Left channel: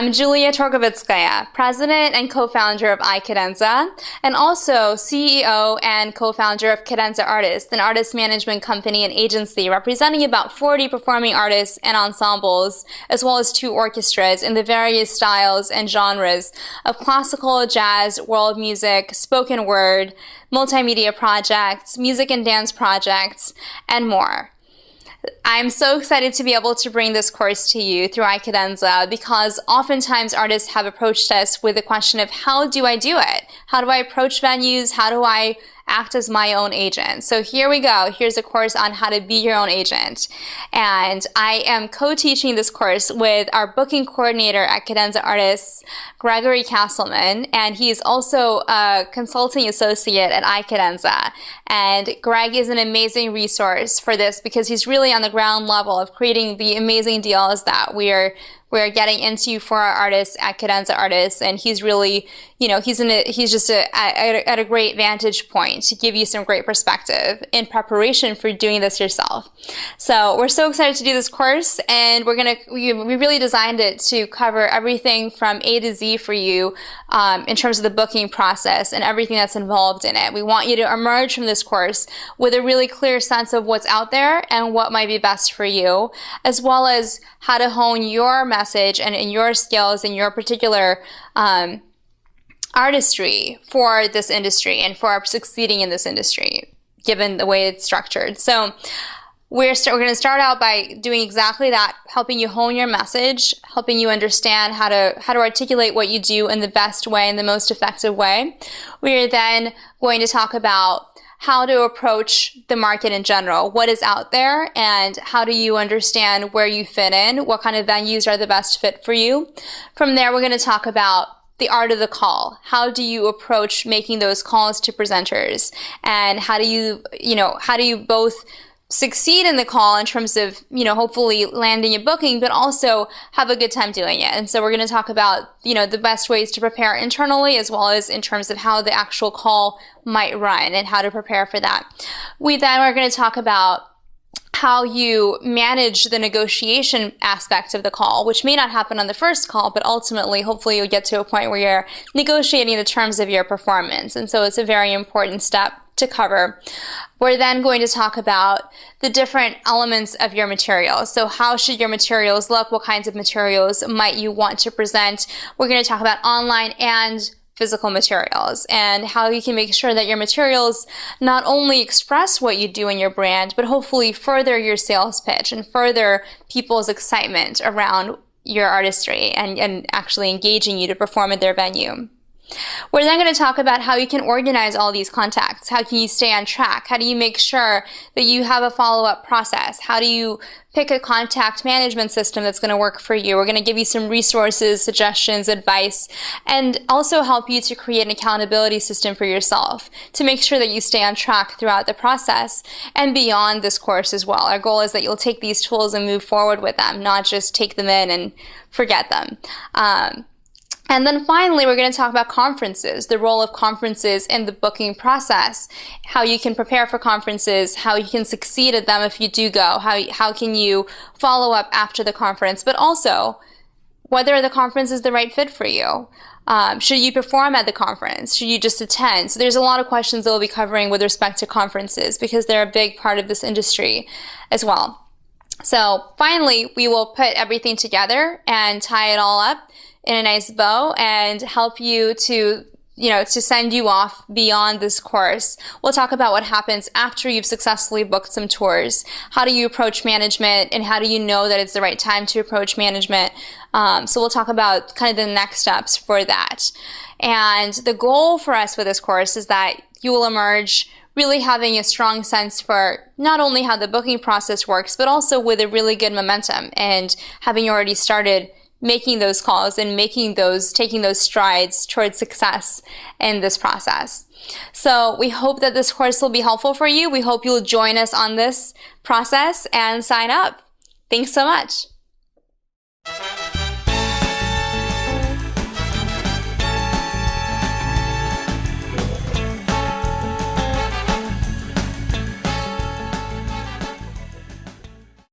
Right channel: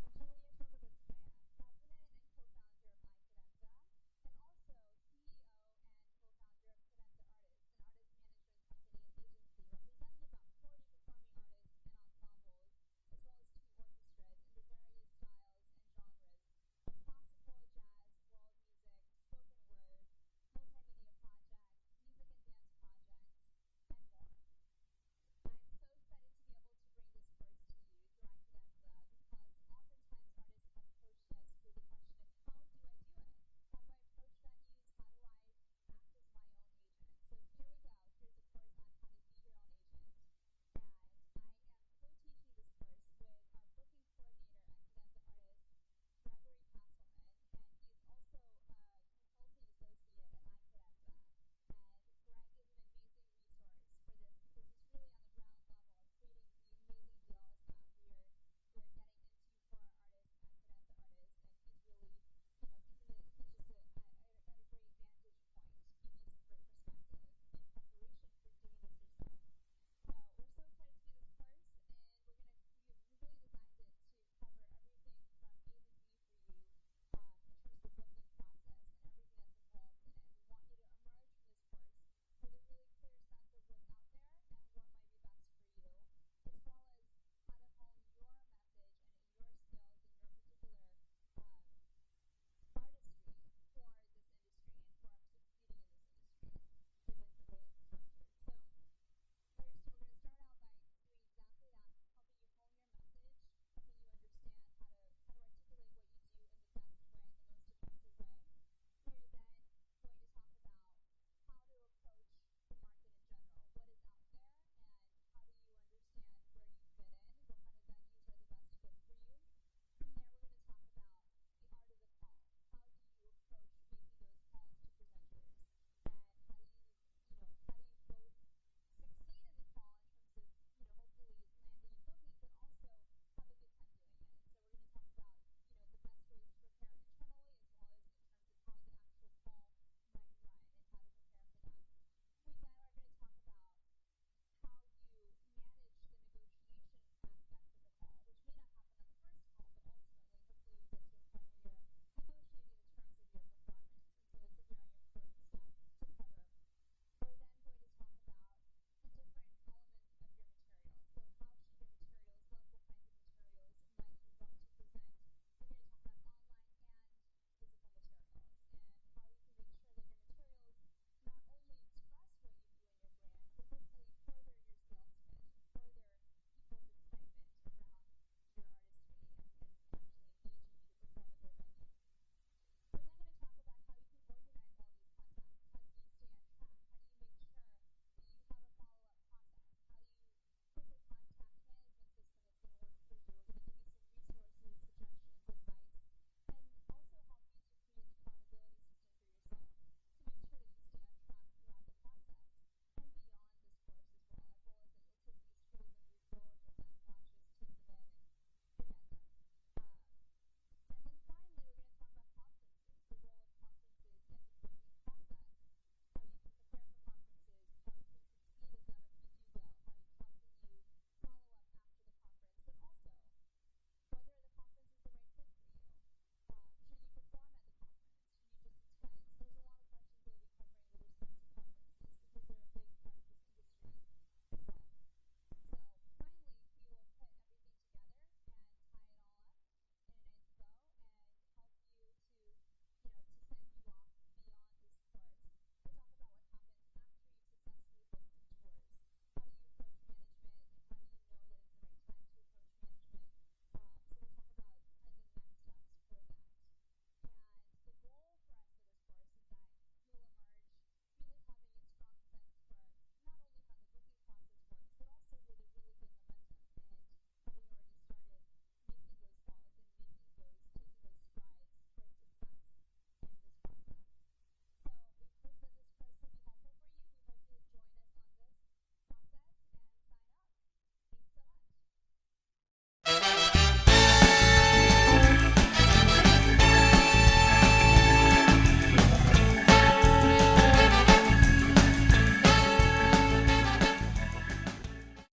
I'm Julia Torgovitskaya, president and co-founder of iCadenza, and also CEO and co-founder of Cadenza Artists, an artist management company and agency representing about 40 performing artists and ensembles, as well as 2 orchestras in the various styles and genres of classical, jazz, world music, spoken word, multimedia projects, music and dance projects, and more. I'm so excited to be able to bring this course to you through iCadenza because oftentimes artists have approached us with the question of how do I do it? How do I approach venues? How do I act as my own agent? So here we go. Here's a course on how to be your own agent. And I am co-teaching this course with our booking coordinator at Cadenza Artists, Gregory Castleman, and he's also a consulting associate at iCadenza. And Greg is an amazing resource for this because he's really on the ground level of creating the amazing deals that we're getting into for our artists at Cadenza Artists, and he's really, he's just at a great vantage point to give you some great perspective in preparation for doing this yourself. So we're so excited to do this course, and we really designed it to cover everything from A to Z for you in terms of the booking process and everything that's involved in it. We want you to emerge from this course with a really clear sense of what's out there and what might be best for you, as well as how to hone your message and your skills and your particular artistry for this industry and for succeeding in this industry, given the way it's structured. So we're going to start out by doing exactly that, helping you hone your message, helping you understand how to articulate what you do in the best way and the most effective way. We are then going to talk about how to approach the market in general, what is out there, and how do you understand where you fit in, what kind of venues are the best fit for you. From there, we're going to talk about the art of the call. How do you approach making those calls to presenters, and how do you both succeed in the call in terms of, hopefully landing a booking, but also have a good time doing it. And so we're going to talk about, the best ways to prepare internally, as well as in terms of how the actual call might run and how to prepare for that. We then are going to talk about how you manage the negotiation aspect of the call, which may not happen on the first call, but ultimately, hopefully you'll get to a point where you're negotiating the terms of your performance. And so it's a very important step to cover. We're then going to talk about the different elements of your materials. So how should your materials look? What kinds of materials might you want to present? We're going to talk about online and physical materials and how you can make sure that your materials not only express what you do in your brand, but hopefully further your sales pitch and further people's excitement around your artistry and actually engaging you to perform at their venue. We're then going to talk about how you can organize all these contacts. How can you stay on track? How do you make sure that you have a follow-up process? How do you pick a contact management system that's going to work for you? We're going to give you some resources, suggestions, advice, and also help you to create an accountability system for yourself to make sure that you stay on track throughout the process and beyond this course as well. Our goal is that you'll take these tools and move forward with them, not just take them in and forget them. And then finally, we're going to talk about conferences, the role of conferences in the booking process, how you can prepare for conferences, how you can succeed at them if you do go, how can you follow up after the conference, but also whether the conference is the right fit for you. Should you perform at the conference? Should you just attend? So there's a lot of questions that we'll be covering with respect to conferences because they're a big part of this industry as well. So finally, we will put everything together and tie it all up in a nice bow and help you to send you off beyond this course. We'll talk about what happens after you've successfully booked some tours. How do you approach management, and how do you know that it's the right time to approach management? So we'll talk about kind of the next steps for that. And the goal for us with this course is that you will emerge really having a strong sense for not only how the booking process works, but also with a really good momentum and having already started making those calls and taking those strides towards success in this process. So we hope that this course will be helpful for you. We hope you'll join us on this process and sign up. Thanks so much.